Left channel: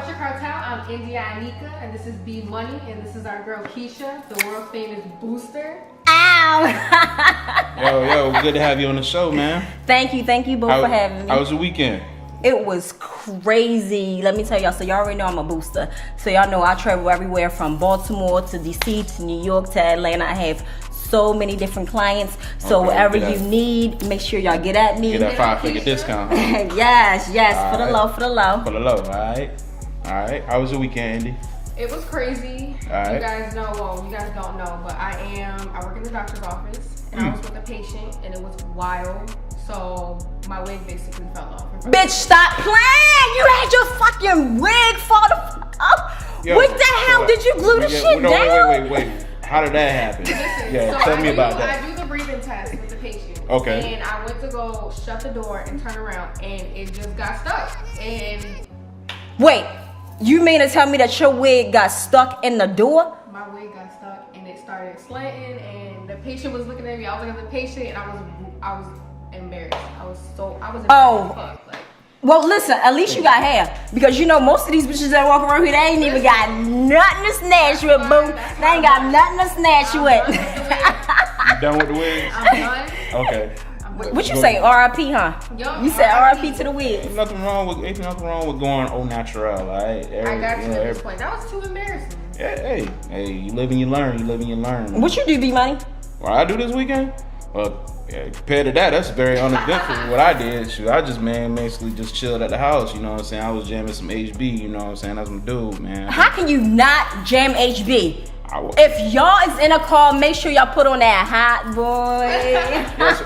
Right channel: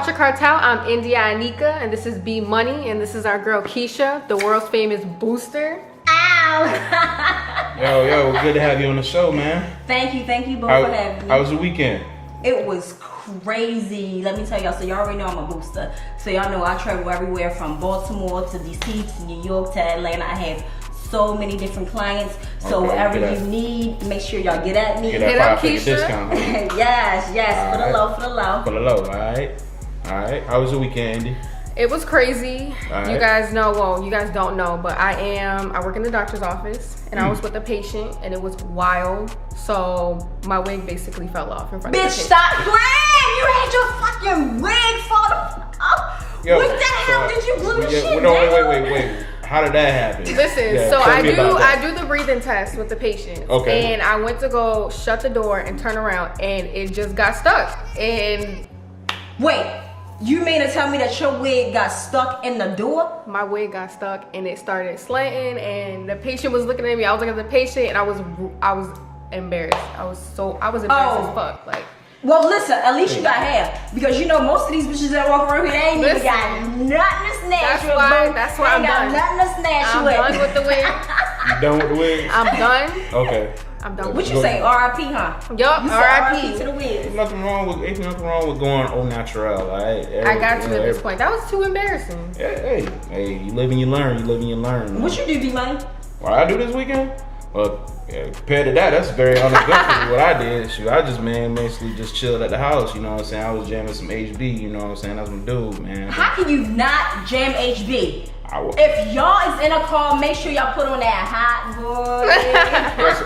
Culture Cartel. I'm India Anika, and this is B Money, and this is our girl Keisha, the world's famous booster. Ow! Yo, good to have you on the show, man. Thank you both for having me. How was your weekend? It was crazy. Let me tell y'all, so y'all already know I'm a booster. So y'all know I travel everywhere from Baltimore to DC to New York to Atlanta. I have so many different clients. So whatever you need, make sure y'all get at me. Get that 5-figure discount. yes. All For the low. For the low, all right. How was your weekend, Andy? It was crazy. Right. You guys know, well, you guys don't know, but I work in the doctor's office, and I was with a patient, and it was wild. So my wig basically fell off in front of the Bitch, patient. stop playing! You had your fucking wig fall the fuck up. Yo, what the hell did you glue the shit no, down? Wait. How did that happen? Listen, Yeah, so tell me about that. I do the breathing test with the patient. Okay. And I went to go shut the door and turn around, and it just got stuck. And Wait, you mean to tell me that your wig got stuck in the door? my wig got stuck, and it started slanting, and the patient was looking at me. I was looking at the patient, and I was embarrassed. I was embarrassed as fuck. Like, Well, listen, at least you got hair. Because you know, most of these bitches that walk around here, they ain't even got nothing to snatch you with, boo. That's They why ain't got nothing to snatch you I'm with. done with the wig. You done with the wig? I'm done. Okay. I'm done. What you say, R.I.P., huh? Yup, You said R.I.P. R.I.P. to the wig. Ain't nothing wrong with going au naturel, all right? I got to at this point. That was too embarrassing. Hey, you live and you learn. What you do, B-Money? What I do this weekend? Well, compared to that, that's very uneventful what I did. Shoot, I just, mostly just chilled at the house, you know what I'm saying? I was jamming some HB, you know what I'm saying? That's my dude, man. How can you not jam HB? If y'all is in a car, make sure y'all put on that hot boy. That's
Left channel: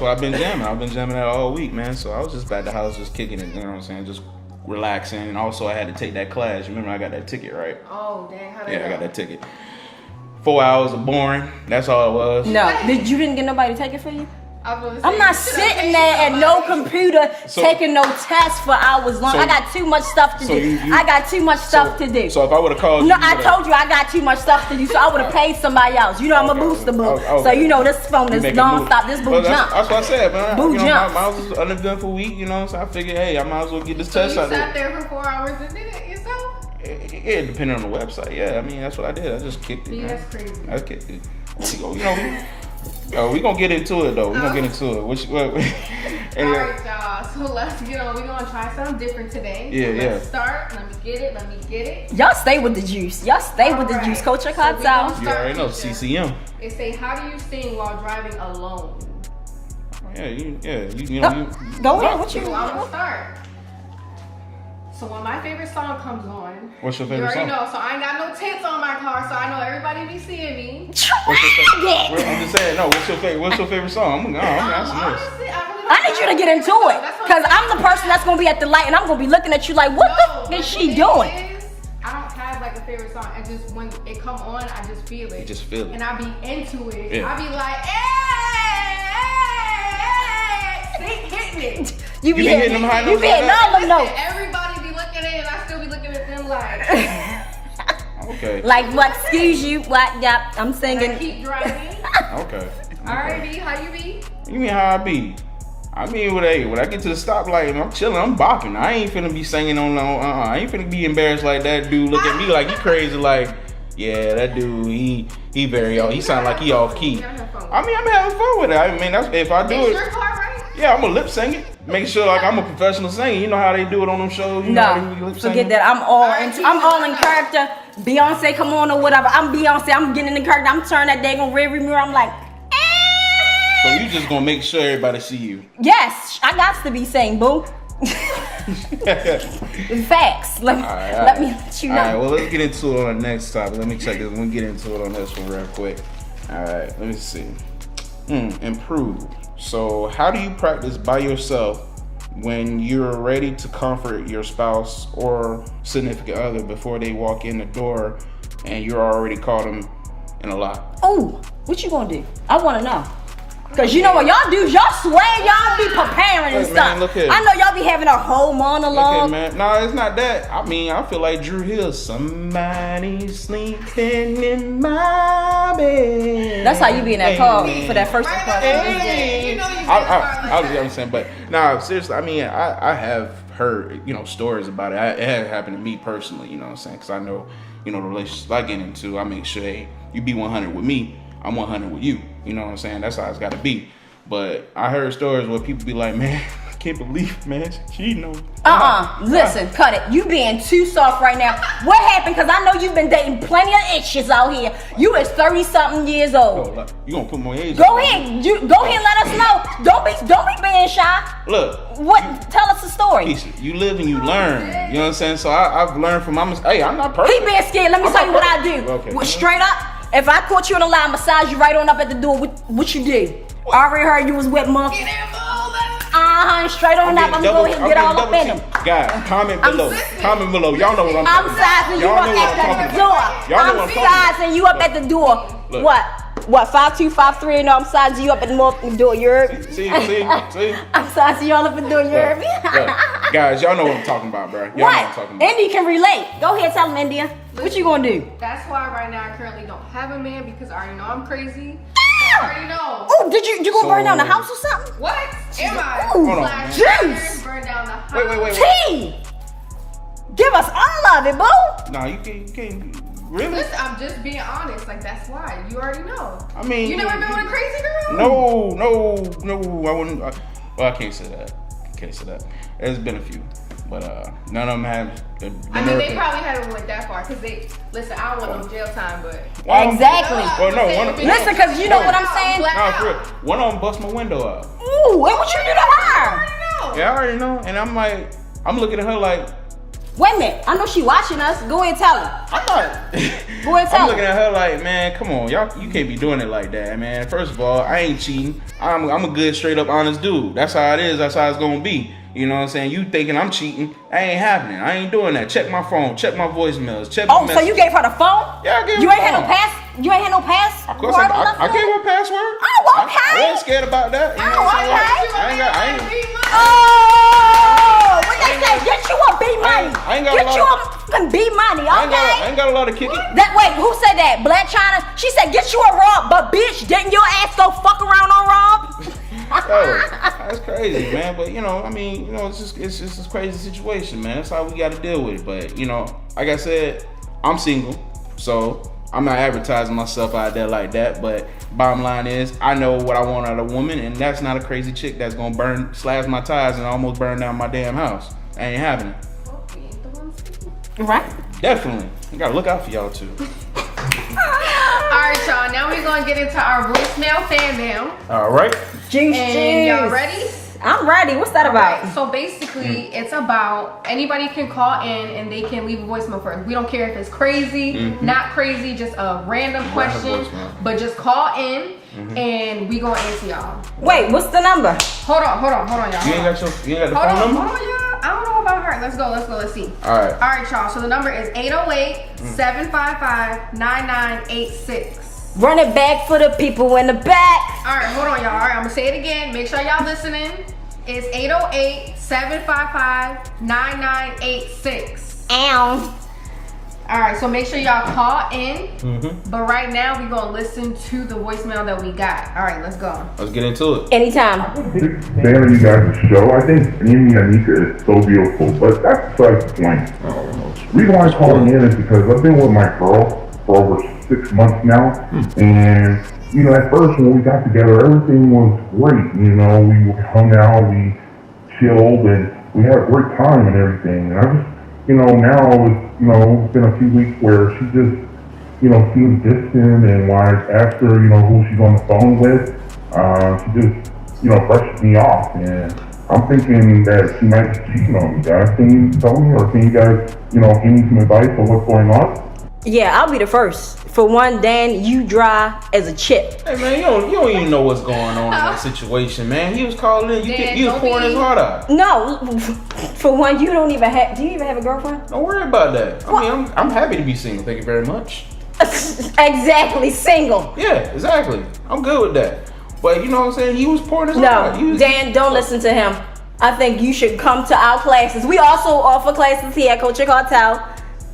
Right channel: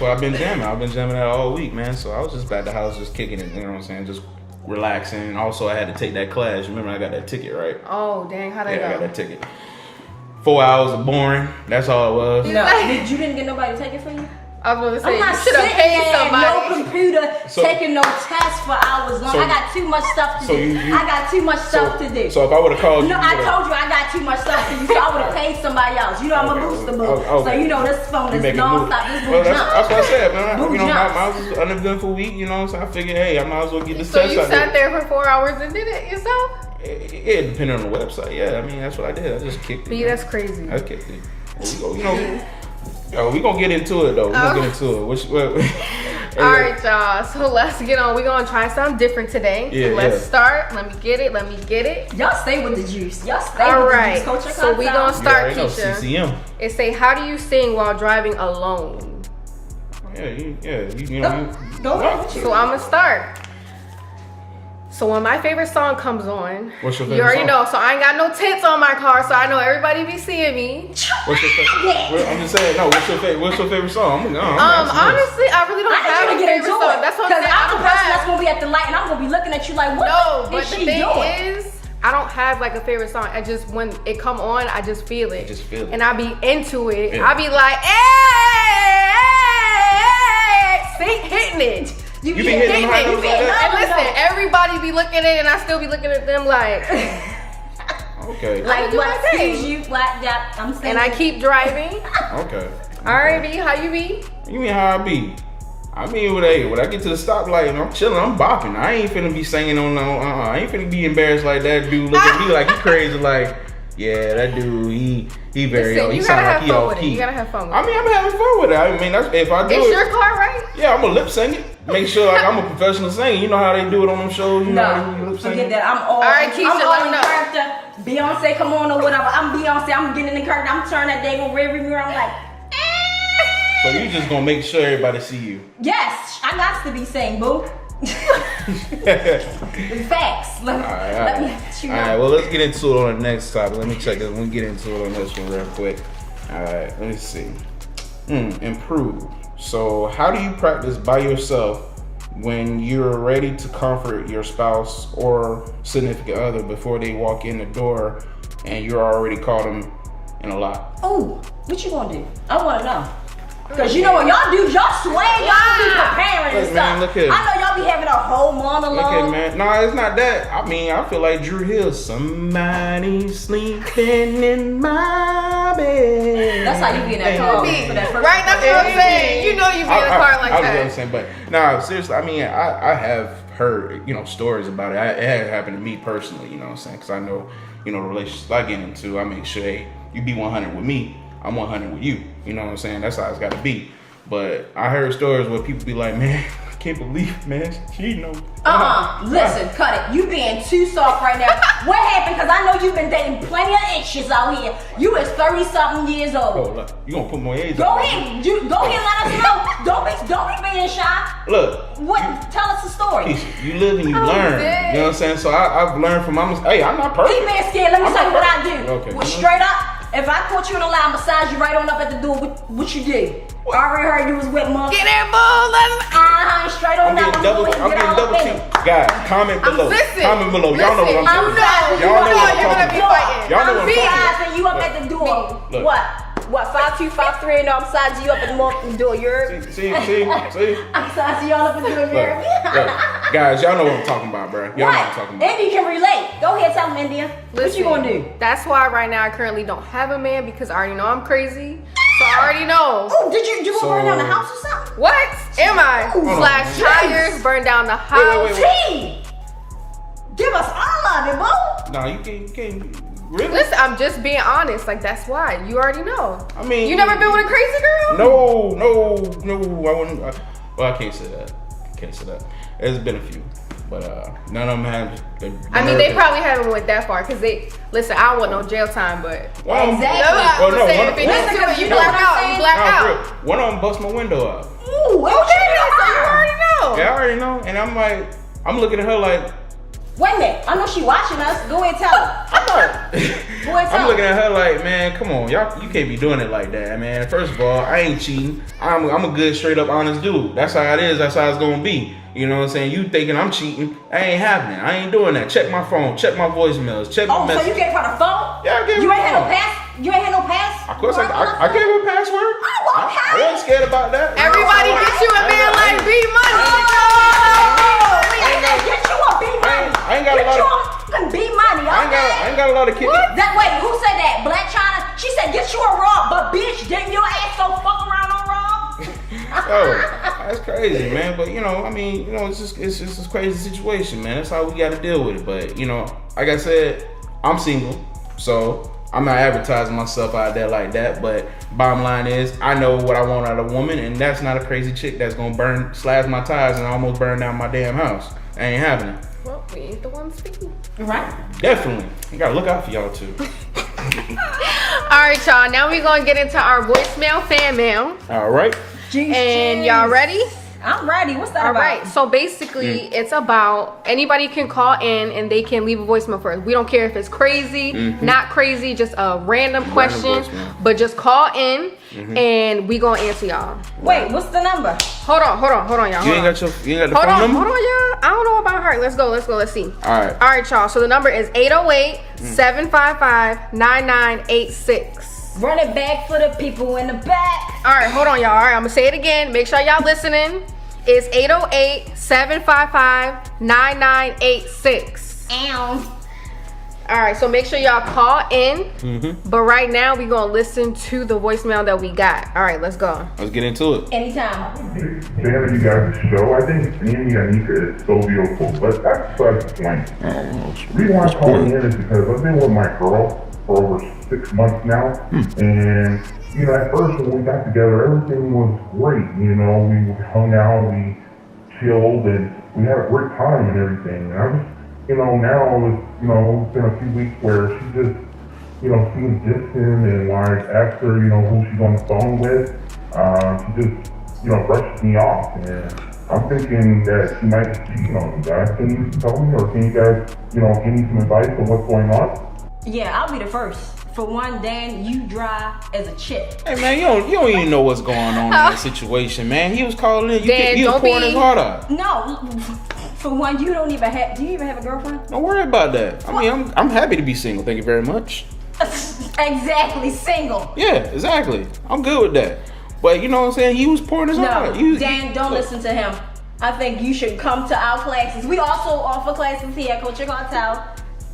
what I've been jamming. I've been jamming that all week, man. So I was just at the house just kicking it, you know what I'm saying? Just relaxing. And also I had to take that class. Remember I got that ticket, right? Oh, dang, how'd I Yeah, go? I got that ticket. 4 hours of boring. That's all it was. No, you didn't get nobody to take it for you? I was gonna say, I'm not you should've sitting paid there at no somebody. computer taking no tests for hours long. So- I got too much stuff to so do. you- I got too much stuff to do. So if I would have called No, you, I told you I got too much stuff to do, so I would have paid somebody else. You know I'm a Okay, booster boo. okay. So you know this phone is make it move. non-stop. This boo Well, jump. that's what I said, man. Boo You know, jumps. my was an uneventful week, you know what I'm saying? I figured, hey, I might as well get this So test you out sat there for 4 hours and did it yourself? It depending on the website, yeah. I mean, that's what I did. I just kicked it. B, man. that's crazy. I kicked it. We gonna get into it though. We gonna get into it. All right, y'all. So let's get on. We're gonna try something different today. Yeah, so let's yeah. start. Let me get it. Y'all stay with the juice. Y'all stay All with the right. juice. Culture So we Cartel. gonna start, Yeah, I know, Keisha. CCM. It say, how do you sing while driving alone? Yeah, you Go ahead. What you So I'm gonna start. So when my favorite song comes on, What's your you favorite already song? know. So I ain't got no tints on my car, so I know everybody be seeing me. What's your favorite? I'm just saying, no. What's your favorite song? I'm asking this. Honestly, I really don't. I need you to get into it. Because I'm the person that's going to be at the light and I'm going to be looking at you like, what the is she doing? I don't have like a favorite song. I just, when it come on, I just feel it. I just feel it. And I be into it. Yeah. I be like, hey, hitting it. You be hitting them high notes like that? And listen, everybody be looking at it and I still be looking at them like, Okay. Like, what, excuse you, what, yeah, I'm saying. and I keep driving. Okay. All right, B, how you be? You mean how I be? I mean, when I get to the stoplight and I'm chilling, I'm bopping. I ain't finna be singing on no. I ain't finna be embarrassed like that dude look at me like he crazy. Like, yeah, that dude, he very Listen, he you sound gotta like he have fun off with it. key. You gotta have fun with I mean, I'm having fun with it. I mean, that's if I do It's it. your car, right? Yeah, I'm a lip sing it. Make sure like I'm a professional singer. You know how they do it on them shows. You know, No, you lip sing forget it? that. I'm all right, Keisha, I'm all let in me know. character. Beyonce, come on or whatever. I'm Beyonce. I'm getting in the character. I'm turning that daggone rearview mirror. I'm like, So you just gonna make sure everybody see you. yes, I got to be saying, boo. Facts. Let me let you know. All right, well, let's get into it on the next topic. Let me check this. We'll get into it on this one real quick. All right, let me see. Improve. So, how do you practice by yourself when you're ready to comfort your spouse or significant other before they walk in the door and you're already caught them in a lot? Oh, what you gonna do? I wanna know. Cause you know what y'all do, y'all swear y'all be preparing and Look, stuff. man, look here. I know y'all be having a whole monologue. Okay, man. No, it's not that. I mean, I feel like Drew Hill. Somebody sleeping in my bed. That's how you be in that car for that first. Right, that's what I'm saying. You know you be in the car like I that. was saying, but no, seriously. I mean, I have heard, stories about it. It had happened to me personally, you know what I'm saying? Because I know, the relationships I get into, I make sure, hey, you be 100 with me, I'm 100 with you. You know what I'm saying? That's how it's got to be. But I heard stories where people be like, man, I can't believe it, man. She cheating on me. Listen, cut it. You being too soft right now. What happened? Because I know you've been dating plenty of extras out here. You is 30-something years old. Oh, you gonna put more age Go on ahead. Go ahead, let us know. Don't be being shy. Look. Tell us the story. Keisha, you live and you learn. You know what I'm saying? So I've learned from my mistakes. Hey, I'm not perfect. He being scared. Let me tell you what I do. Okay. Straight up. If I caught you in a lie, massage you right on up at the door, what you do? I already heard you was with mother. Get that ball, straight on up. I'm going to get all up in it. Guys, comment below. Comment below. Y'all know what I'm talking about. Y'all know what I'm talking about. Y'all know what I'm talking about. I'm you up at the door. Look. What? 5'2", 5'3", and I'm sizing you up at the door. You heard me? See? I'm sizing y'all up at the door. You heard me? Guys, y'all know what I'm talking about, bro. Y'all know what I'm talking about. India can relate. Go ahead, tell them, India. What you gonna do? That's why right now I currently don't have a man, because I already know I'm crazy. So I already know. Oh, did you gonna burn down the house or something? What am I? Slash tires, burn down the house. Wait. Give us all of it, boo. Nah, you can't. Really? Listen, I'm just being honest. Like, that's why. You already know. I mean, you never been with a crazy girl? No. I wouldn't. Well, I can't say that. There's been a few, but none of them have. They probably haven't went that far, because listen. I don't want no jail time, but exactly. Listen, because you know what I'm saying. One of them bust my window out. Ooh, what you do to her? You already know. Yeah, I already know, and I'm looking at her like. Wait a minute, I know she watching us. Go ahead and tell her. I'm not. Go ahead, I'm looking at her like, man, come on, y'all, you can't be doing it like that, man. First of all, I ain't cheating. I'm a good, straight up, honest dude. That's how it is. That's how it's gonna be. You know what I'm saying? You thinking I'm cheating? I ain't happening. I ain't doing that. Check my phone. Check my voicemails. Check. Oh, so you gave her the phone? Yeah, I gave her. You ain't had no pass. You ain't had no pass. Of course, I gave her a password. Oh, okay. I wasn't scared about that. Everybody hates you and man like B money. Get you a B money. I ain't got a lot of B money. Okay. I ain't got a lot of kicking. Wait, who said that? Black China? She said get you a Rob, but bitch, didn't your ass go fuck around on Rob? Yo, that's crazy, man. But it's just a crazy situation, man. That's how we got to deal with it. But like I said, I'm single, so I'm not advertising myself out there like that. But bottom line is, I know what I want out of a woman, and that's not a crazy chick that's gonna slash my tires and almost burn down my damn house. That ain't happening. Well, we ain't the ones speaking. Right? Definitely. You gotta look out for y'all too. Alright, y'all. Now we're gonna get into our voicemail fan mail. All right. And y'all ready? I'm ready. What's that about? Alright, so basically it's about anybody can call in and they can leave a voicemail for us. We don't care if it's crazy, not crazy, just a random question. But just call in and we gonna answer y'all. Wait, what's the number? Hold on, y'all. You ain't got the phone number? Hold on, y'all. I don't know about her. Let's go, let's see. Alright, y'all. So the number is 808-755-9986. Run it back for the people in the back. Alright, hold on, y'all. Alright, I'm gonna say it again. Make sure y'all listening. It's 808-755-9986. Ow. Alright, so make sure y'all call in. But right now, we're gonna listen to the voicemail that we got. Alright, let's go. let's get into it. Anytime. Big fan of you guys' show. I think me and Anika is so beautiful, but that's besides the point. The reason why I'm calling in is because I've been with my girl for over 6 months now, and at first when we got together, everything was great. We hung out, we chilled, and we had a great time and everything. And I just, now it's been a few weeks where she just, seems distant, and when I asked her, who she's on the phone with, she just, brushes me off. And I'm thinking that she might be cheating on me, guys. Can you tell me, or can you guys, give me some advice on what's going on? Yeah, I'll be the first. For one, Dan, you dry as a chip. Hey man, you don't even know what's going on in that situation, man. He was calling in, he was pouring his heart out. No, for one, do you even have a girlfriend? Don't worry about that. I mean, I'm happy to be single. Thank you very much. Exactly, single. Yeah, exactly. I'm good with that. But you know what I'm saying? He was pouring his heart out. Dan, don't listen to him. I think you should come to our classes. We also offer classes here at Cartel.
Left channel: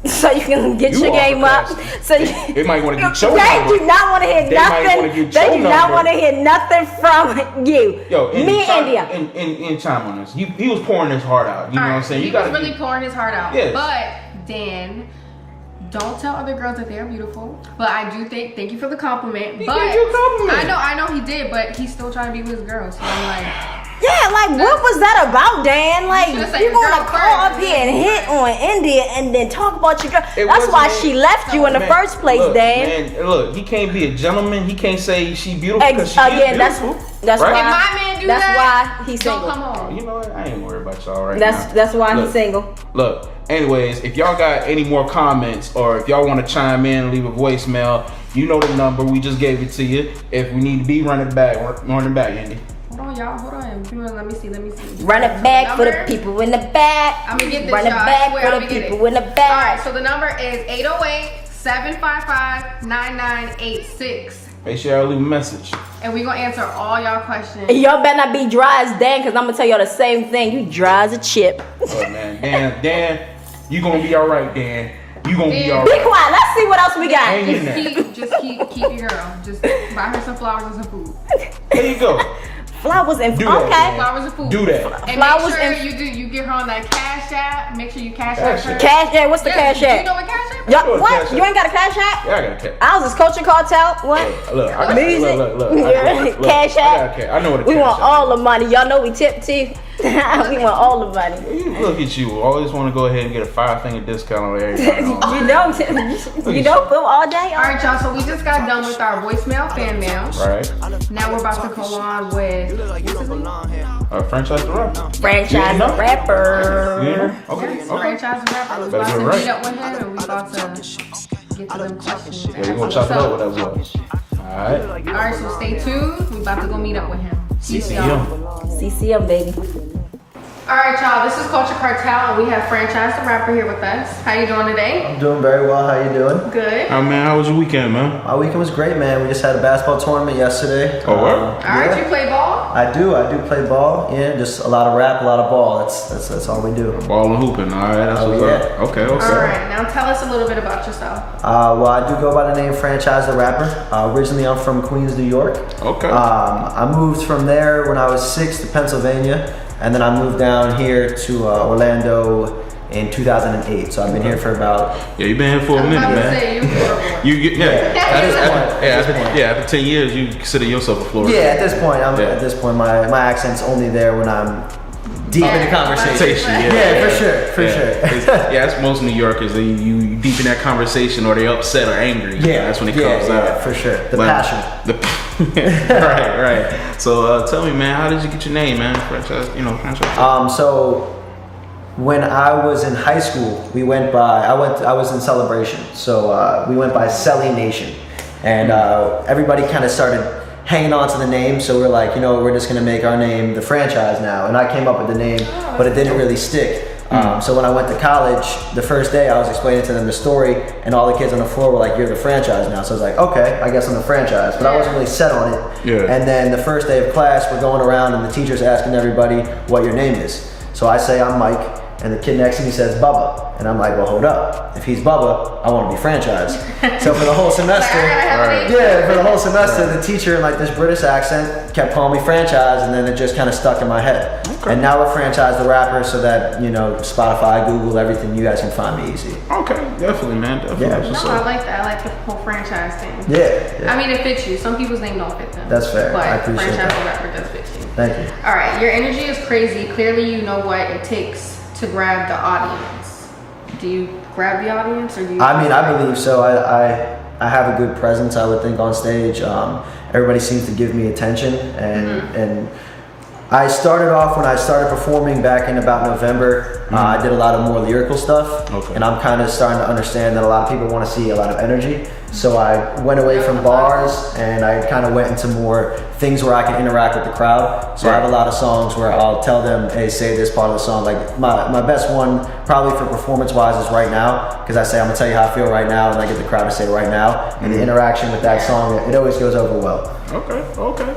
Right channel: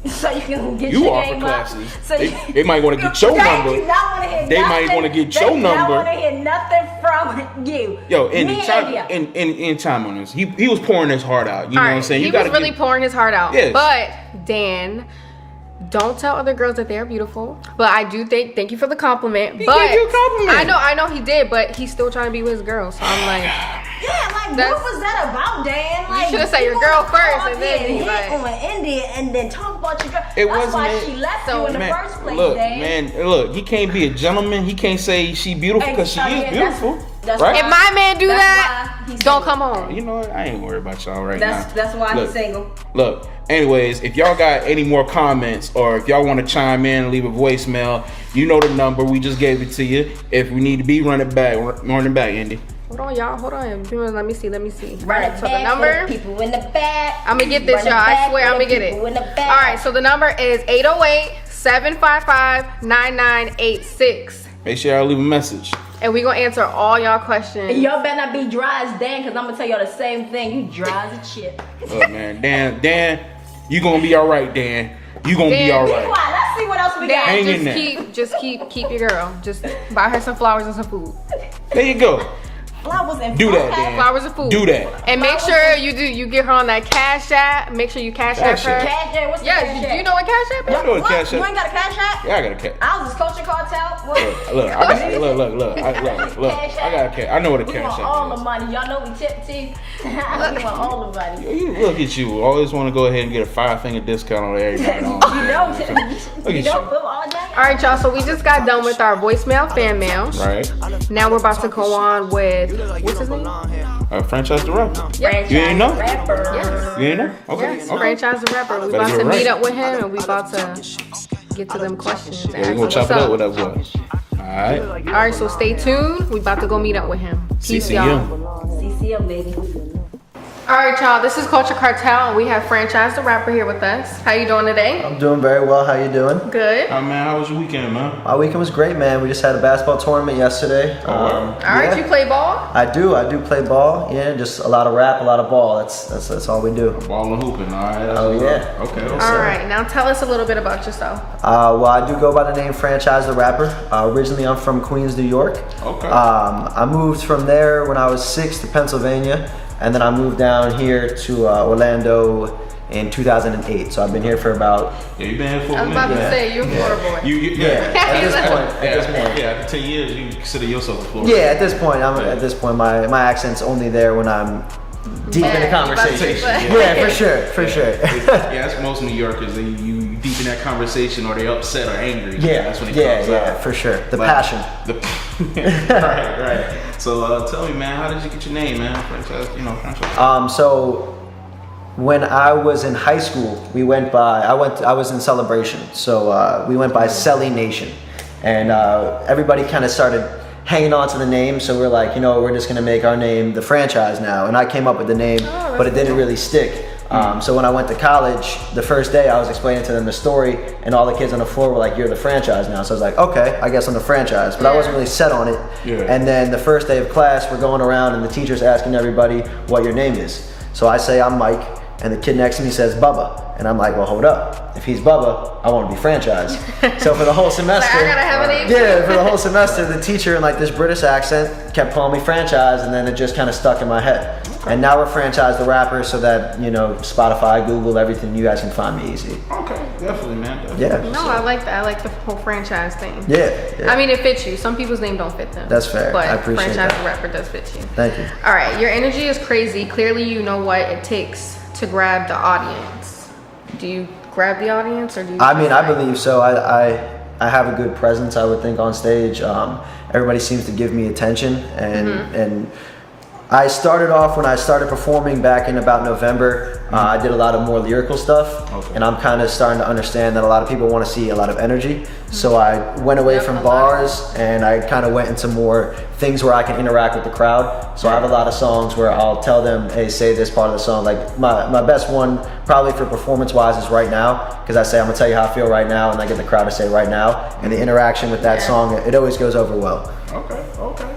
So you can get You your offer game up. classes. So They might want to get your number. They do not want to hear They nothing. might wanna get They your do not number. want to hear nothing from you. Yo, Me and India. in time on this, he was pouring his heart out. You know what I'm saying? He You was gotta really pouring his heart out. Yes. But Dan, don't tell other girls that they are beautiful. But I do thank you for the compliment. He but gave you a compliment. I know he did, but he's still trying to be with his girl. So I'm like, Yeah, like what was that about, Dan? Like should've you said your want girl to call first, up here and and then hit on India and then talk about your girl. It That's why wasn't she left you in the Man, first place, look, Dan. Man, look, he can't be a gentleman. He can't say she beautiful because she's Again, beautiful. that's right? if my man do That's that, why he's don't single. come home. You know what? I ain't worried about y'all right now. That's why Look, he's single. Look, anyways, if y'all got any more comments or if y'all want to chime in and leave a voicemail, you know the number. We just gave it to you. If we need to be, run it back, Andy. Hold on, y'all. Hold on. Let me see. Run it So back for number- the people in the back. I'm gonna get this, Run y'all. it I back swear for I'm the gonna get it. people in the All back. right. So the number is 808-755-9986, Make sure y'all leave a message. and we gonna answer all y'all questions. And y'all better not be dry as Dan, because I'm gonna tell y'all the same thing. You dry as a chip. Oh man, Dan, you gonna be all right, Dan. You gonna be Dan, all Be right. quiet. Let's see what else we got. Hang in there. Just keep your girl. Just buy her some flowers and some food. There you go. Flowers and Do that, okay. Dan. Flowers and food. Do that. And make Flowers sure and- you get her on that Cash App. Make sure you Cash App Cash her. App. Cash App. What's the Yeah, Cash App? You know what Cash App is? Y'all- know what what? Cash App- You ain't got a Cash App? Yeah, I got a cat. I was just coaching Cartel. What? Look, I got look. Cash I got a cat. I know what a We cash want app all is. the money. Y'all know we tip too. We want all the money. You look at you. Always want to go ahead and get a 5-finger discount on every night. You know, you know, go all day. All right, y'all. So we just got done with our voicemail fan mail. Right? Now we're about to go on with Franchise the rapper. You Franchise ain't know? rapper. You ain't know? Okay. yes, Okay. franchise and rapper. We Better about get to it right. meet up with him, and we about to get to them questions. Yeah, we gonna chop it up with that boy. Alright. All right, so stay tuned. We about to go meet up with him. Peace, y'all. CCM. CCM, baby. All right, y'all. This is Culture Cartel, and we have Franchise the Rapper here with us. How you doing today? I'm doing very well. How you doing? Good. Oh man, how was your weekend, man? My weekend was great, man. We just had a basketball tournament yesterday. Oh, wow. All right, you yeah, play ball? I do play ball. Yeah, just a lot of rap, a lot of ball. That's all we do. Ball and hooping, alright. That's Oh, what's yeah. up. Okay. Yes, All sir. right, now tell us a little bit about yourself. Well, I do go by the name Franchise the Rapper. Originally, I'm from Queens, New York. Okay. I moved from there when I was 6 to Pennsylvania, and then I moved down here to Orlando in 2008. So I've been here for about Yeah, you been here for a I'm about to minute. say, you're horrible. You get at this point. Yeah, after 10 years, you consider yourself a Florida. Yeah, at this point, Yeah. at this point, my accent's only there when I'm deep in the conversation. Yeah. Yeah, for sure. Yeah, that's most New Yorkers. You deep in that conversation, or they upset or angry. Yeah, that's when it comes out. for sure. The But- passion. right. So tell me, man, how did you get your name, man? Franchise. So when I was in high school, I was in Celebration, so we went by Celly Nation, and everybody kind of started hanging on to the name. So we're like, we're just gonna make our name the Franchise now. And I came up with the name, but it didn't really stick. So when I went to college, the first day I was explaining to them the story, and all the kids on the floor were like, "You're the Franchise now." So I was like, "Okay, I guess I'm the Franchise," but I wasn't really set on it. Yeah. And then the first day of class, we're going around, and the teacher's asking everybody what your name is. So I say I'm Mike, and the kid next to me says Bubba, and I'm like, "Well, hold up. If he's Bubba, I want to be Franchise." So for the whole semester. I gotta have a name. Yeah, for the whole semester, the teacher in like this British accent kept calling me Franchise, and then it just kind of stuck in my head. And now we're Franchise the Rapper, so that Spotify, Google, everything, you guys can find me easy. Okay, definitely, man. Definitely. Yeah. No, I like that. I like the whole franchise thing. Yeah. I mean, it fits you. Some people's name don't fit them. That's fair. But I appreciate franchise that. the Rapper does fit you. Thank you. All right, your energy is crazy. Clearly, you know what it takes to grab the audience. Do you grab the audience, or do you? I mean, I believe so. I have a good presence, I would think, on stage. Everybody seems to give me attention, and I started off when I started performing back in about November. I did a lot of more lyrical stuff, Okay. and I'm kind of starting to understand that a lot of people want to see a lot of energy. So I went away from bars, and I kind of went into more things where I can interact with the crowd. So I have a lot of songs where I'll tell them, "Hey, say this part of the song." Like my best one, probably for performance-wise, is "Right Now," because I say, "I'm gonna tell you how I feel right now," and I get the crowd to say "Right Now," and the interaction with that song, it always goes over well. Okay.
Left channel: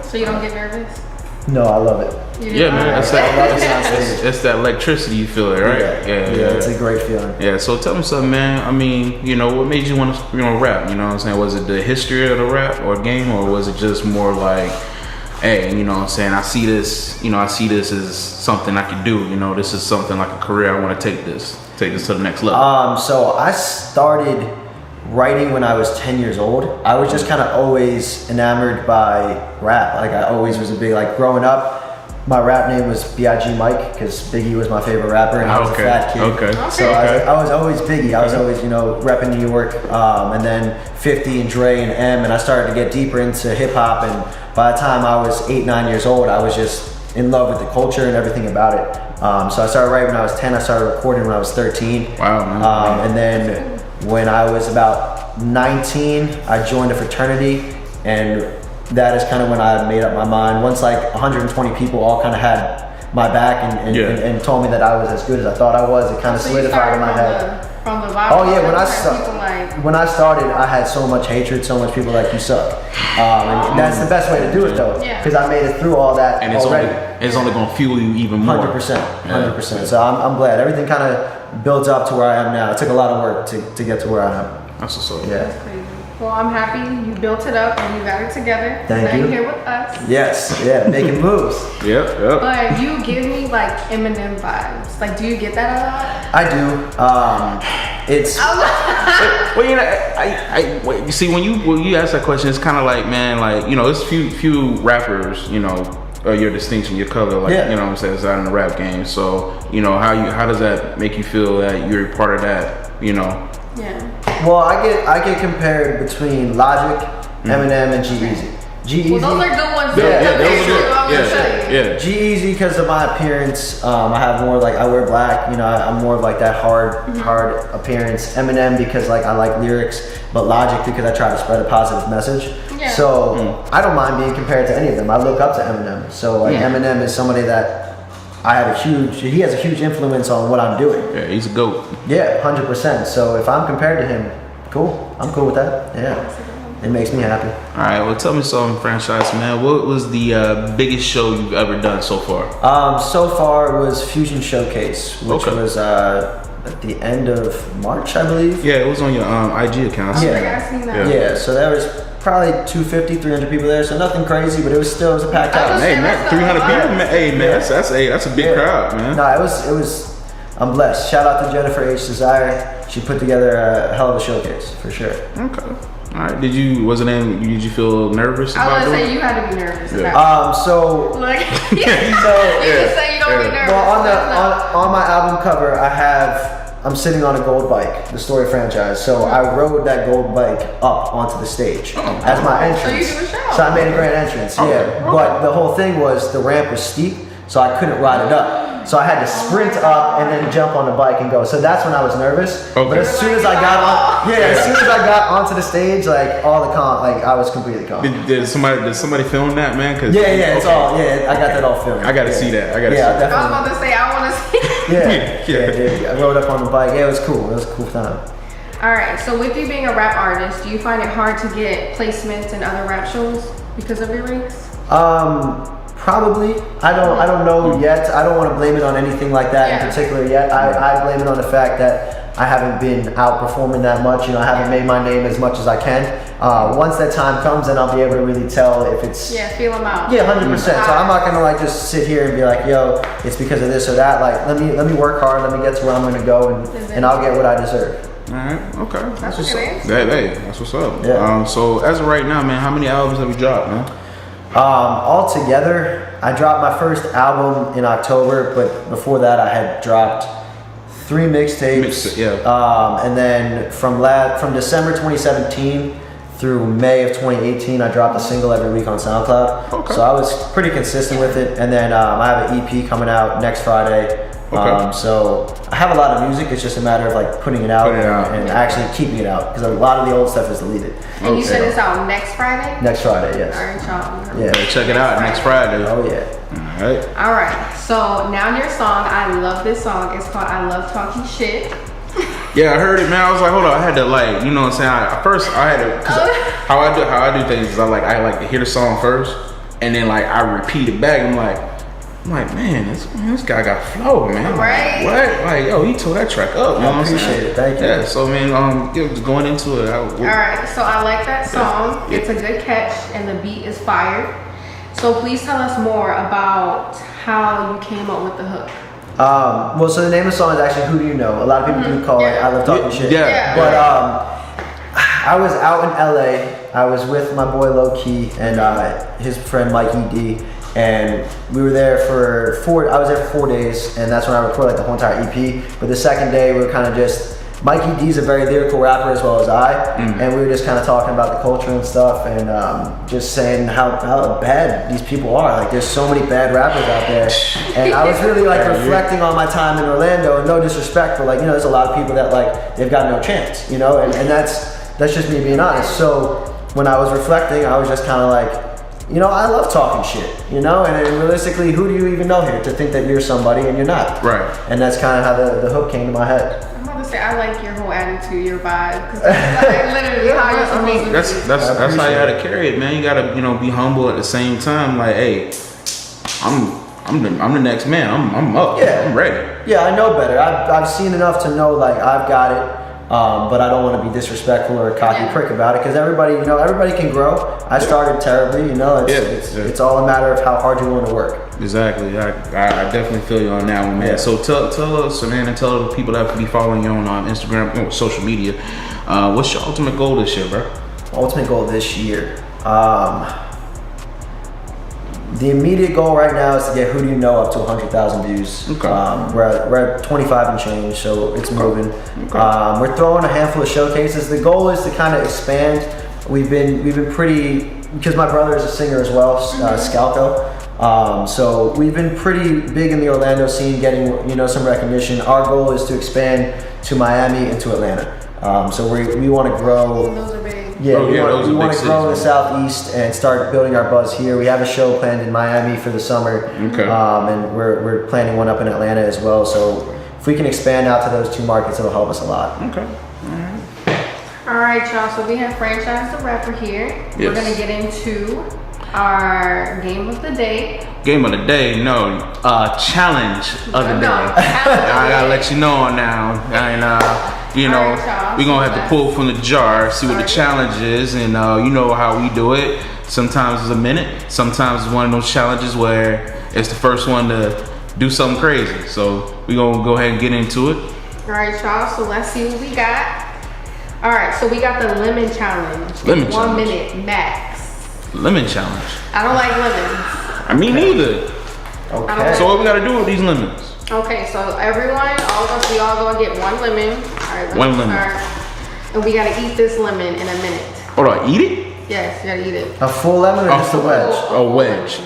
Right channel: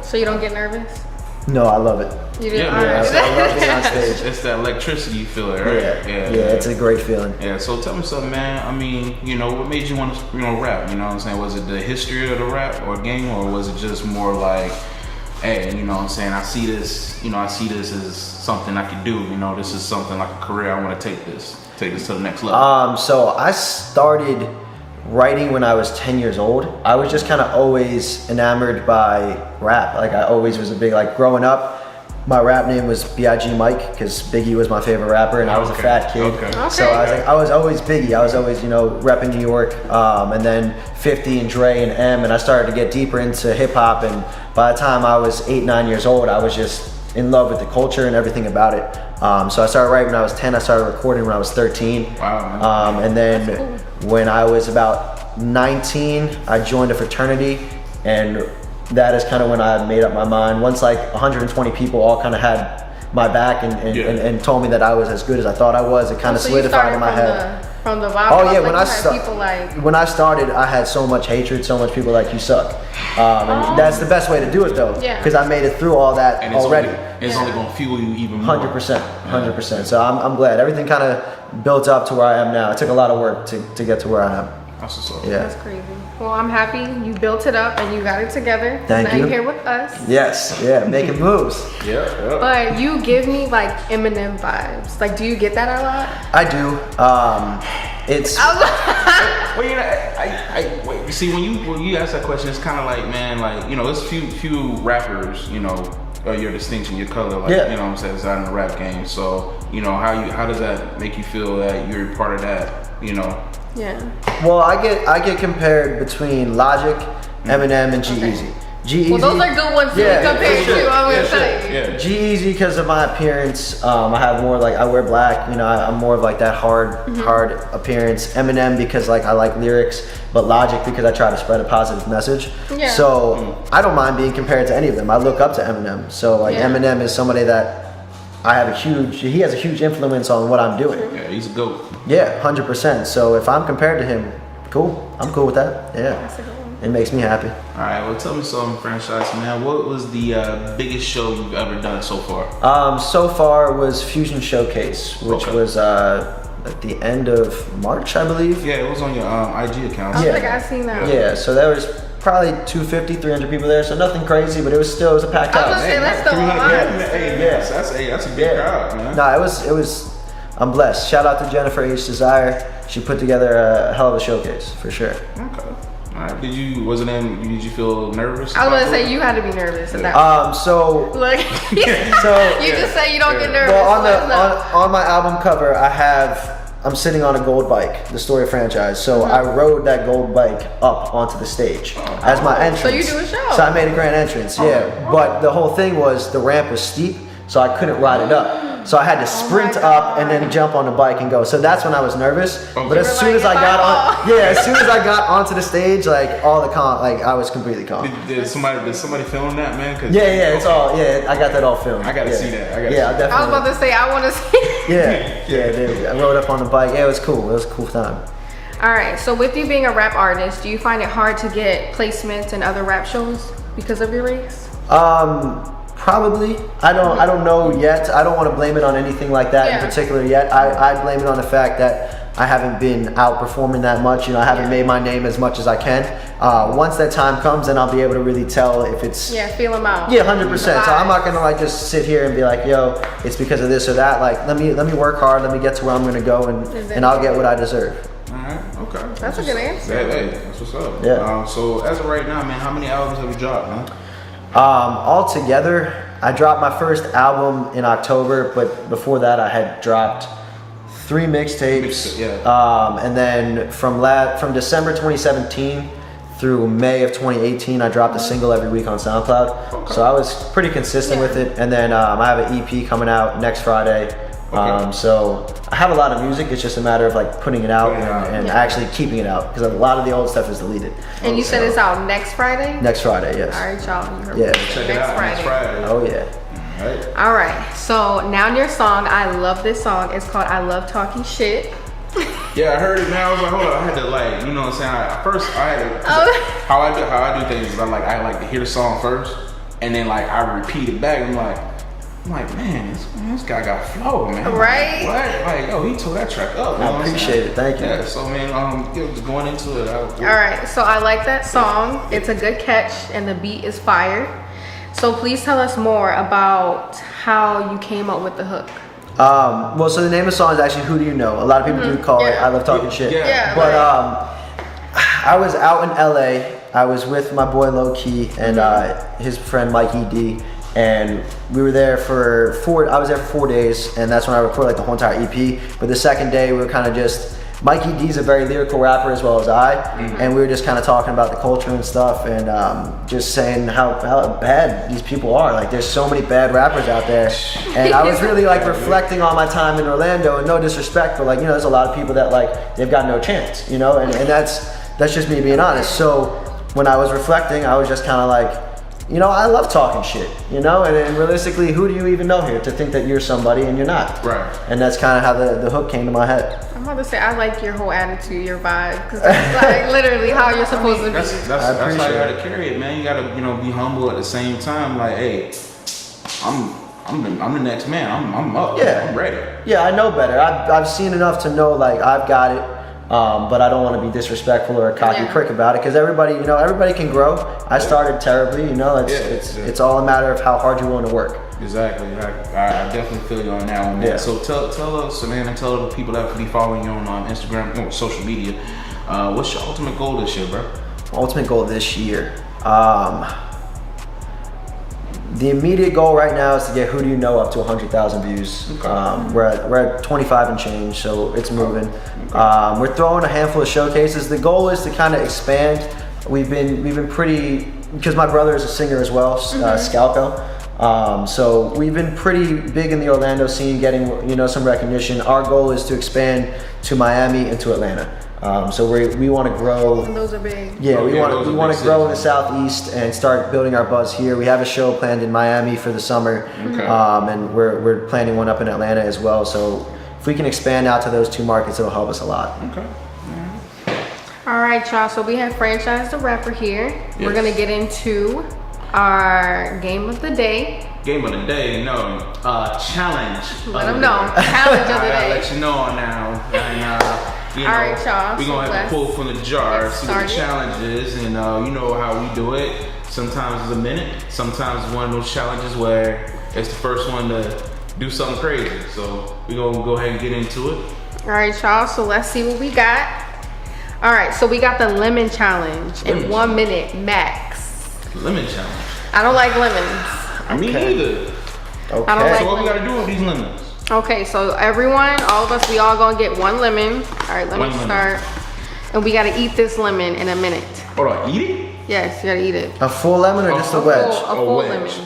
So you don't get nervous? No, I love it. Yeah, man. I love being on stage. It's that electricity you feel it, right? Yeah, it's a great feeling. Yeah, so tell me something, man. I mean, you know, what made you want to, rap? You know what I'm saying? Was it the history of the rap or game, or was it just more like, hey, you know what I'm saying? I see this as something I can do. You know, this is something like a career. I want to take this to the next level. So I started writing when I was 10 years old. I was just kind of always enamored by rap. Like I always was a big, like growing up, my rap name was B.I.G. Mike because Biggie was my favorite rapper and I was a fat kid. So I was always Biggie. I was always, repping New York. And then 50 and Dre and M, and I started to get deeper into hip hop. And by the time I was 8, 9 years old, I was just in love with the culture and everything about it. So I started writing when I was 10. I started recording when I was 13. Wow, man. And then when I was about 19, I joined a fraternity, and that is kind of when I made up my mind. Once like 120 people all kind of had my back and told me that I was as good as I thought I was, it kind of solidified in my head. From the vibe. Oh yeah, when I started, I had so much hatred, so much people like, you suck. And that's the best way to do it though, because I made it through all that already. It's only gonna fuel you even more. 100%. So I'm glad. Everything kind of built up to where I am now. It took a lot of work to get to where I am. That's what's up. Yeah. That's crazy. Well, I'm happy you built it up and you got it together. Thank you. You're here with us. Yes, yeah, making moves. Yeah. But you give me like Eminem vibes. Like, do you get that a lot? I do. It's Well, you see, when you ask that question, it's kind of like, man, like, it's few rappers, your distinction, your color, like, you know what I'm saying, is out in the rap game. So, how does that make you feel that you're part of that, Yeah. Well, I get compared between Logic, Eminem, and G-Eazy. G-Eazy. Well, those are good ones. Yeah. G-Eazy because of my appearance. I have more like, I wear black. I'm more of like that hard appearance. Eminem because like I like lyrics, but Logic because I try to spread a positive message. Yeah. So I don't mind being compared to any of them. I look up to Eminem. So like Eminem is somebody that he has a huge influence on what I'm doing. Yeah, he's a GOAT. Yeah, 100%. So if I'm compared to him, cool. I'm cool with that. Yeah, it makes me happy. All right, well, tell me something, franchise man. What was the biggest show you've ever done so far? So far was Fusion Showcase, which was at the end of March, I believe. Yeah, it was on your IG account. I seen that. Yeah, so there was probably 250, 300 people there, so nothing crazy, but it was a packed house. Hey, man, 300 people. Hey, man, that's a big crowd, man. No, it was. I'm blessed. Shout out to Jennifer H. Desire. She put together a hell of a showcase for sure. Okay. All right. Did you feel nervous? I was gonna say you had to be nervous. So Like, so you just say you don't get nervous. well, on my album cover, I'm sitting on a gold bike, the Story franchise. So I rode that gold bike up onto the stage as my entrance. So you do a show. So I made a grand entrance, But the whole thing was the ramp was steep, so I couldn't ride it up. So I had to sprint up and then jump on the bike and go. So that's when I was nervous. Okay. But as soon as I got onto the stage, like I was completely calm. Did somebody film that, man? It's all. I got that all filmed. I gotta see that. I I was definitely. about to say I want to see. Dude. I rode up on the bike. Yeah, it was cool. It was a cool time. All right. So with you being a rap artist, do you find it hard to get placements in other rap shows because of your race? Probably. I don't know yet. I don't want to blame it on anything like that in particular yet. I blame it on the fact that I haven't been out performing that much. I haven't made my name as much as I can. Once that time comes, then I'll be able to really tell if it's. Yeah, feel them out. Yeah, 100%. So I'm not gonna like just sit here and be like, yo, it's because of this or that. Like, let me work hard. Let me get to where I'm gonna go, and I'll get what I deserve. All right. Okay. That's a good answer. Hey, that's what's up. Yeah. So as of right now, man, how many albums have you dropped, man? Altogether, I dropped my first album in October, but before that, I had dropped 3 mixtapes. And then from December 2017 through May of 2018, I dropped a single every week on SoundCloud. Okay. So I was pretty consistent with it. And then I have an EP coming out next Friday. Okay. So I have a lot of music. It's just a matter of like putting it out and actually keeping it out because a lot of the old stuff is deleted. And you said it's out next Friday? Next Friday, yes. All right, y'all. Yeah. Check it out next Friday. Oh yeah. All right. So now your song, I love this song. It's called I Love Talking Shit. Yeah, I heard it, man. I was like, hold on, I had to like, what I'm saying? How I do things is I like to hear the song first. and then like I repeat it back. I'm like, man, this guy got flow, man. Right. What? Like, yo, he tore that track up. You know I appreciate it. Thank you. Yeah. So man, just going into it. All right, so I like that song. It's a good catch, and the beat is fire. So please tell us more about how you came up with the hook. Well, so the name of the song is actually "Who Do You Know." A lot of people do call it "I Love Talking Shit." Yeah. But I was out in LA. I was with my boy Low Key and his friend Mikey D, and we were there for I was there for 4 days, and that's when I recorded like the whole entire EP. But the second day, we were kind of just. Mikey D's a very lyrical rapper as well as I, and we were just kind of talking about the culture and stuff, and just saying how bad these people are. Like, there's so many bad rappers out there, and I was really like reflecting on my time in Orlando, and no disrespect, but like, you know, there's a lot of people that like they've got no chance, you know, and that's just me being honest. So when I was reflecting, I was just kind of like, you know, I love talking shit, you know, and realistically, who do you even know here to think that you're somebody and you're not? Right. And that's kind of how the hook came to my head. I'm about to say, I like your whole attitude, your vibe. 'Cause that's like literally how you're supposed to be. That's how you gotta carry it, man. You gotta, you know, be humble at the same time. Like, hey, I'm the next man. I'm up. Yeah. I'm ready. Yeah, I know better. I've seen enough to know like I've got it, but I don't want to be disrespectful or a cocky prick about it because everybody can grow. I started terribly, you know. It's all a matter of how hard you're willing to work. Exactly. I definitely feel you on that one, man. Yeah. So tell us, man, and tell the people that be following you on Instagram, you know, social media. What's your ultimate goal this year, bro? Ultimate goal this year. The immediate goal right now is to get Who Do You Know up to 100,000 views. Okay. We're at 25 and change, so it's moving. We're throwing a handful of showcases. The goal is to kind of expand. We've been pretty, because my brother is a singer as well, Scalco. So we've been pretty big in the Orlando scene, getting, you know, some recognition. Our goal is to expand to Miami and to Atlanta. So we want to grow. Those are big. Yeah, we those want are to big grow in the cities, Southeast and start building our buzz here. We have a show planned in Miami for the summer, Okay. and we're planning one up in Atlanta as well. So if we can expand out to those two markets, it'll help us a lot. Okay. All right, y'all. So we have Franchise the Rapper here. We're Yes. gonna get into our game of the day. Game of the day, no. Challenge of the day. No, challenge of the I gotta day. let you know now, and you know, All right, y'all. we gonna have to pull from the jar, see what the Alright. challenge is, and you know how we do it. Sometimes it's a minute, sometimes it's one of those challenges where it's the first one to do something crazy. So we gonna go ahead and get into it. All right, y'all. So let's see what we got. All right, so we got the lemon challenge Lemon in 1 challenge. minute max. Lemon challenge. I don't like lemons. I mean, neither. Okay. So what we gotta do with these lemons? Okay, so everyone, all of us, we all gonna get 1 lemon. All right, let One me lemon. start. And we gotta eat this lemon in a minute. Hold on, eat it? Yes, you gotta eat it. A full lemon or just a wedge? A wedge.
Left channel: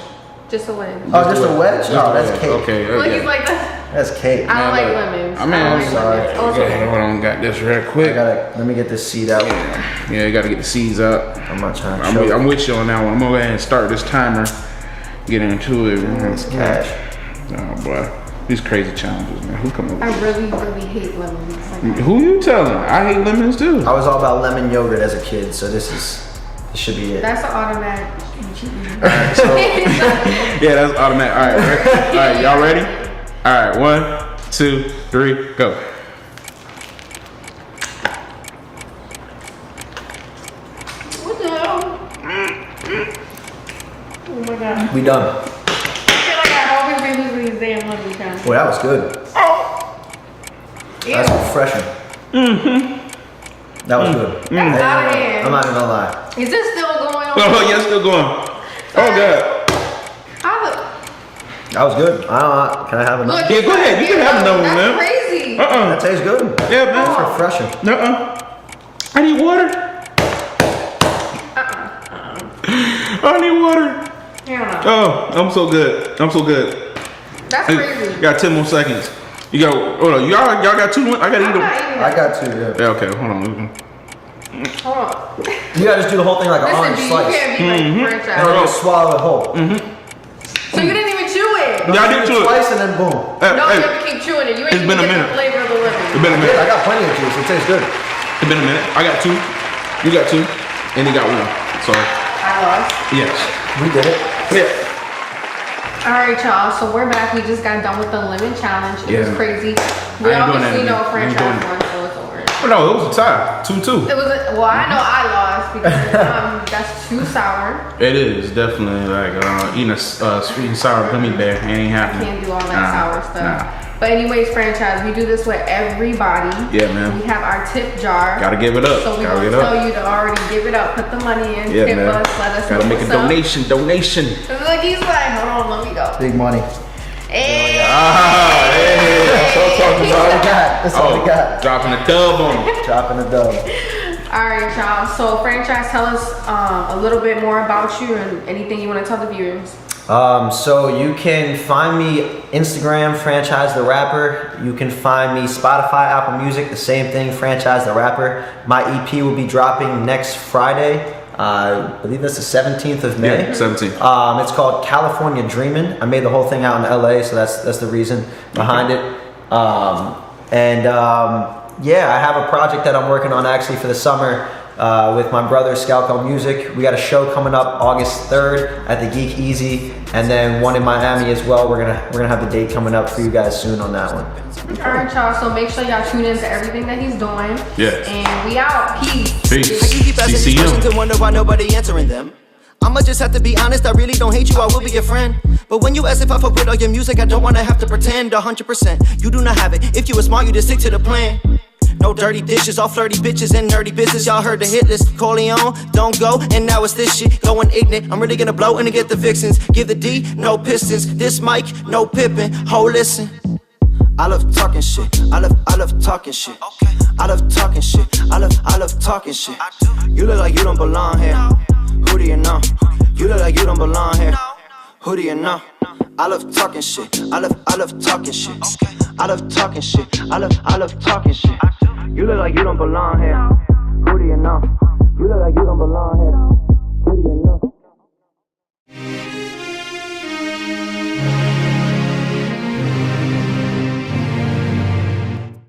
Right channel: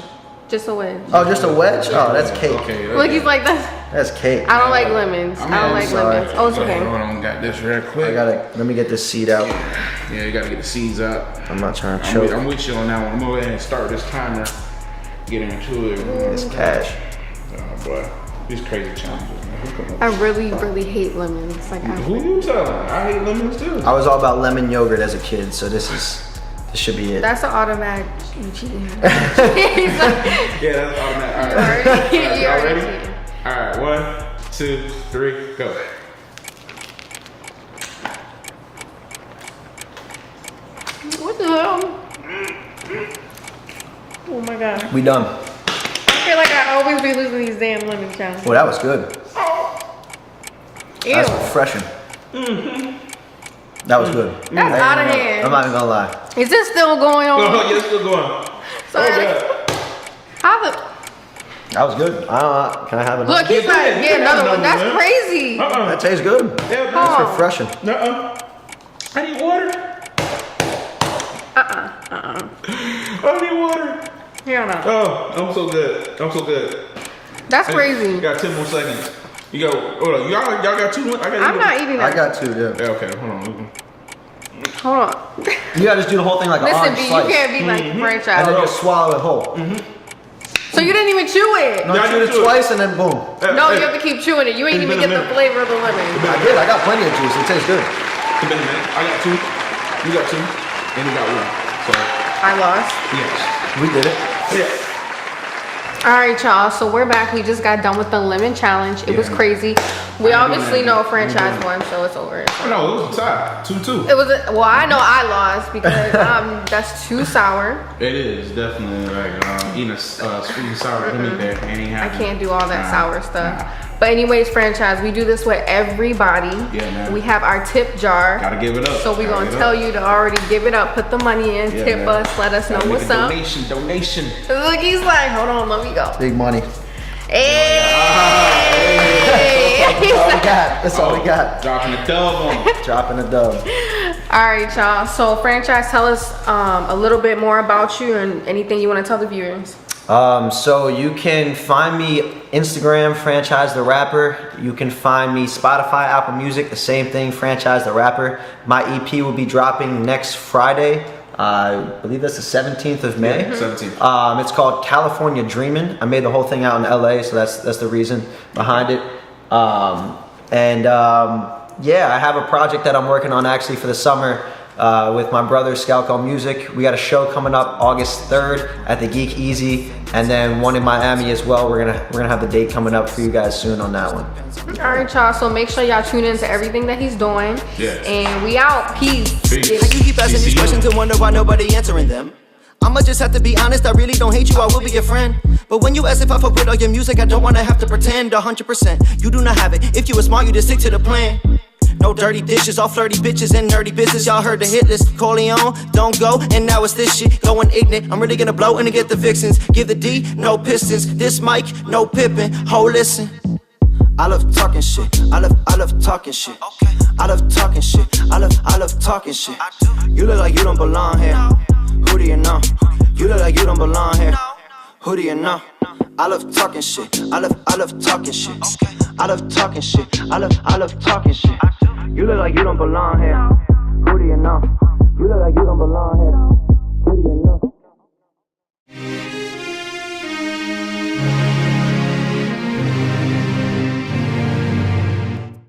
Just a wedge. Oh, just a wedge? Oh, that's cake. Okay. Look, he's like, That's cake. I don't like lemons. I mean, I don't I'm like sorry. lemons. Oh, it's Hold okay. on, got this real quick. Let me get this seed out. Yeah, you gotta get the seeds up. I'm not trying to I'm choke. with you on that one. I'm gonna go ahead and start this timer. Get into it. This cash. Oh boy, these crazy challenges, man. Who come up? I really, really hate lemons. Like, Who you telling? I hate lemons too. I was all about lemon yogurt as a kid, so this should be it. that's an automatic cheating. Yeah, that's automatic. All right, all right, y'all ready? All right, 1, 2, 3, go. What the hell? Oh my god. We done. I feel like I always be losing these damn lemon challenges. Oh, that was good. That's refreshing. That was good. That's out of hand. I'm not even gonna lie. Is this still going on? Oh, yeah, still going. Oh god. How the? That was good. Can I have another? Look, Yeah, go ahead. You can have another one, that's man. crazy. That tastes good. Yeah, That's man. refreshing. I need water. I need water. Hell no. Oh, I'm so good. I'm so good. That's crazy. You got 10 more seconds. You got, hold on. Y'all got 2 more? I got I'm not even. I got two, yeah. Yeah, okay, hold on. Hold on. You gotta just do the whole thing like an Listen, orange B, you slice. can't be like And franchise. then just swallow it whole. So you didn't even chew it. No, Yeah, I shoot did it chew it. twice and then boom. No, you have to keep chewing it. You ain't It's even been a get the minute. flavor of the lemon. I did. I got plenty of juice. It tastes good. It's been a minute. I got 2. You got 2. And he got 1. So, All I lost. Yes. We did it. Yeah. All right, y'all. So we're back. We just got done with the limit challenge. It was crazy. We I ain't doing obviously that know again. franchise won, so it's over. Oh, no, it was a tie. 2-2. It was well. I know I lost because that's too sour. It is definitely like eating a sweet and sour gummy bear. It ain't I happening. can't do all that sour stuff. But anyways, franchise, we do this with everybody. Yeah, man. We have our tip jar. Gotta give it up. So we're gonna tell you to already give it up. Put the money in. Yeah, tip man. us. Let us Gotta know make what's a up. donation. Look, he's like, hold on, let me go. Big money. Hey. That's all we got. That's all we got. Dropping a dub on him. Dropping a dub. All right, y'all. So, franchise, tell us a little bit more about you and anything you want to tell the viewers. So you can find me Instagram, Franchise the Rapper. You can find me Spotify, Apple Music, the same thing, Franchise the Rapper. My EP will be dropping next Friday. I believe that's the 17th of May. 17th. It's called California Dreamin'. I made the whole thing out in LA, so that's the reason behind it. Yeah, I have a project that I'm working on actually for the summer with my brother Scalco Music. We got a show coming up August 3rd at the Geek Easy, and then one in Miami as well. We're gonna have the date coming up for you guys soon on that one. All right, y'all. So make sure y'all tune into everything that he's doing. Yes. And we out. Peace. How you keep asking these questions and wonder why nobody answering them? I'ma just have to be honest, I really don't hate you, I will be your friend. But when you ask if I fuck with all your music, I don't wanna have to pretend 100%. You do not have it, if you were smart, you just stick to the plan. No dirty dishes, all flirty bitches and nerdy business. Y'all heard the hit list. Corleone, don't go, and now it's this shit. Going ignorant, I'm really gonna blow and get the vixens. Give the D, no pistons. This mic, no pippin'. Ho, listen. I love talking shit. I love talking shit. I love talking shit. I love talking shit. You look like you don't belong here. Who do you know? You look like you don't belong here. Who do you know? I love talking shit. I love talking shit. I love talking shit. I love talking shit. You look like you don't belong here.